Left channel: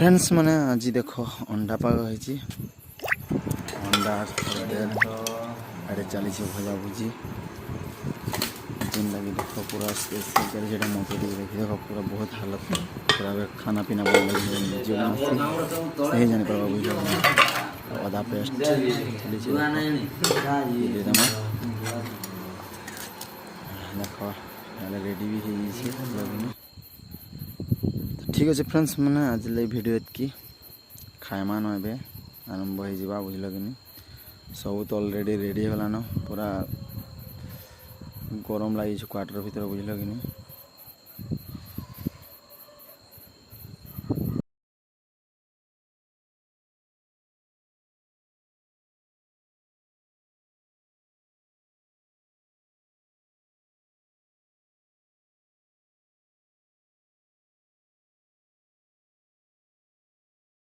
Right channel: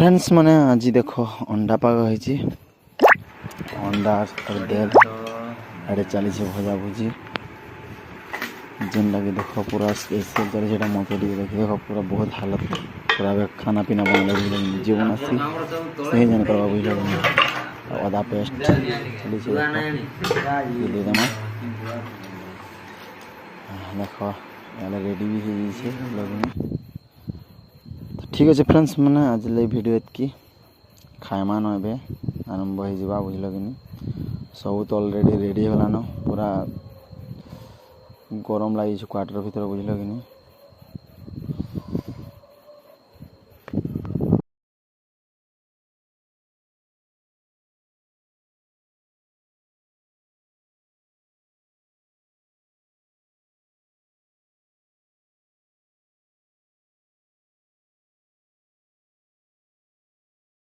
friends मैंने आज देख अंडा पाग होती अंडा अरे चली भजा भुजी जेनटा कि देख पूरा स्पेशल चलता मत देख पूरा बहुत हालत पूरा खाना पीना बन लगे जीवन आसी नहीं जान करवा बुझल अदा पेस्ट देख रेडी भी हो ठीक अच्छे फ्रेंड्स मैंने आज भिडियो की खाइमा न आरंभ हो बुझल कि सब तो अलरेडी रेडी होलान पूरा गरम लगी क्वार्टर भर बुझल कि